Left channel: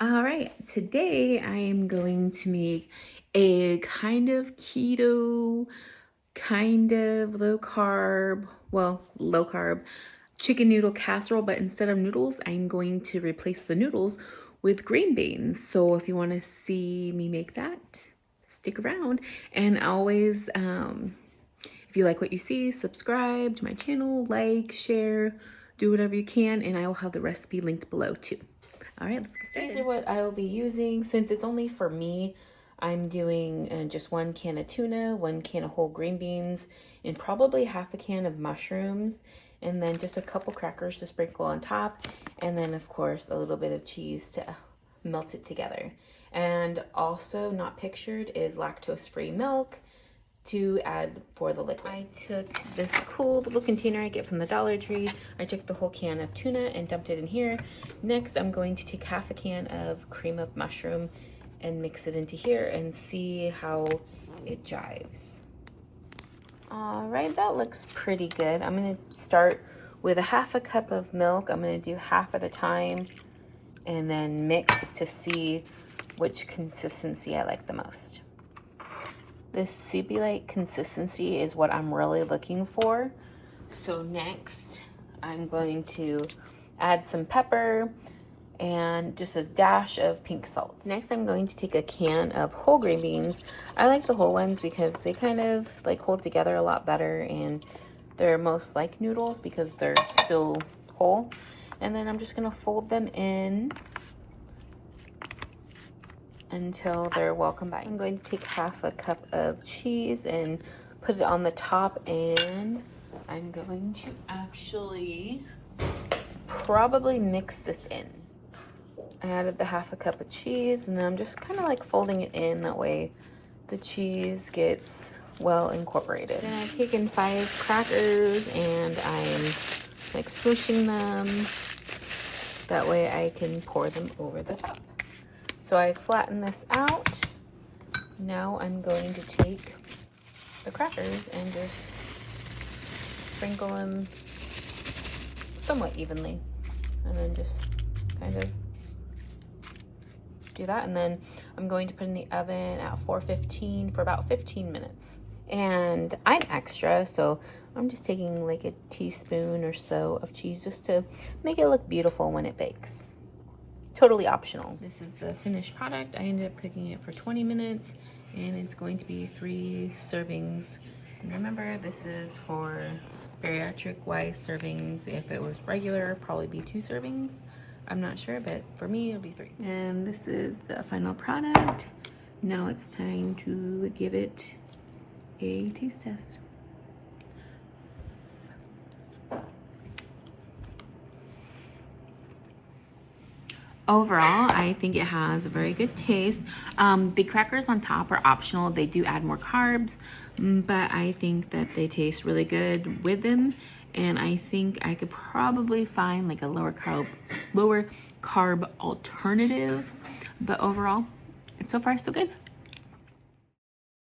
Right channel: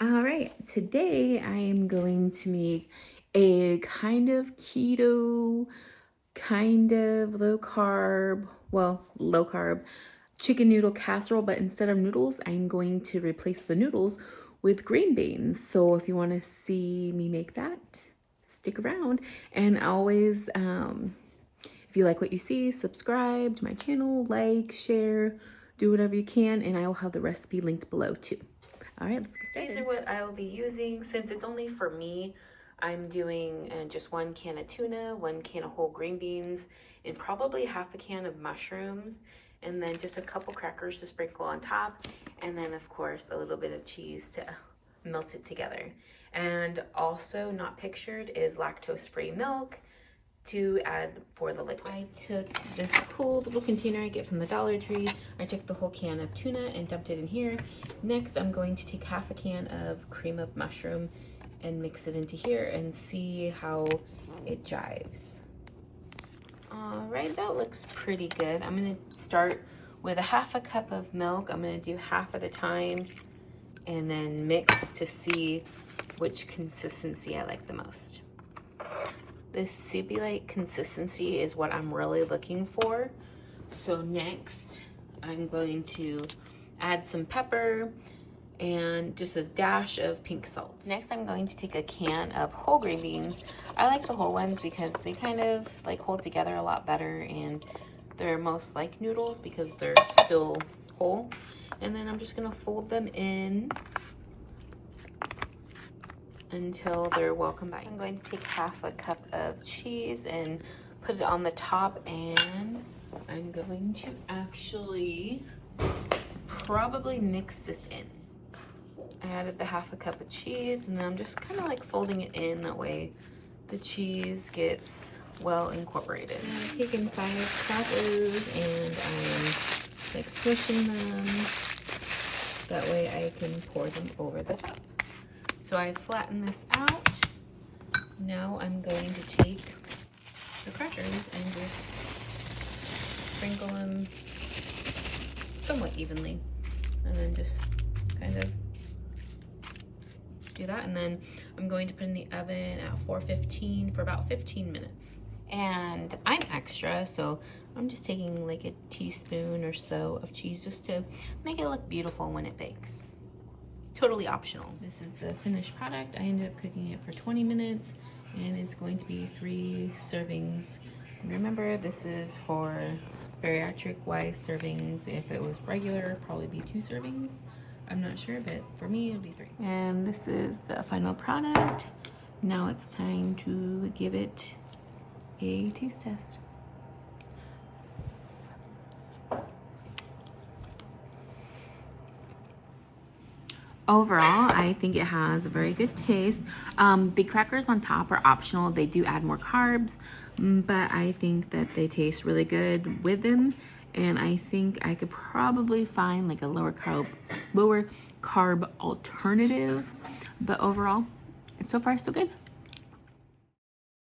All right, today I am going to make a kind of keto, kind of low carb, low carb chicken noodle casserole, but instead of noodles, I'm going to replace the noodles with green beans. So if you want to see me make that, stick around. And always, if you like what you see, subscribe to my channel, like, share, do whatever you can, and I will have the recipe linked below too. All right, let's get started. These are what I will be using. Since it's only for me, I'm doing just 1 can of tuna, 1 can of whole green beans, and probably half a can of mushrooms, and then just a couple crackers to sprinkle on top, and then of course a little bit of cheese to melt it together. And also not pictured is lactose-free milk to add for the liquid. I took this cool little container I get from the Dollar Tree. I took the whole can of tuna and dumped it in here. Next, I'm going to take half a can of cream of mushroom and mix it into here and see how it jives. All right, that looks pretty good. I'm gonna start with a half a cup of milk. I'm gonna do half at a time and then mix to see which consistency I like the most. This soupy-like consistency is what I'm really looking for. So next, I'm going to add some pepper and just a dash of pink salt. Next, I'm going to take a can of whole green beans. I like the whole ones because they kind of like hold together a lot better, and they're most like noodles because they're still whole. And then I'm just gonna fold them in until they're well combined. I'm going to take half a cup of cheese and put it on the top, and I'm going to actually probably mix this in. I added the half a cup of cheese, and then I'm just kind of like folding it in, that way the cheese gets well incorporated. And I've taken 5 crackers and I'm like swishing them, that way I can pour them over the top. So I flatten this out. Now I'm going to take the crackers and just sprinkle them somewhat evenly, and then just kind of do that. And then I'm going to put in the oven at 415 for about 15 minutes. And I'm extra, so I'm just taking like a teaspoon or so of cheese just to make it look beautiful when it bakes. Totally optional. This is the finished product. I ended up cooking it for 20 minutes, and it's going to be 3 servings. And remember, this is for bariatric wise servings. If it was regular, probably be 2 servings. I'm not sure, but for me, it'll be 3. And this is the final product. Now it's time to give it a taste test. Overall, I think it has a very good taste. The crackers on top are optional. They do add more carbs, but I think that they taste really good with them. And I think I could probably find like a lower carb alternative. But overall, so far so good.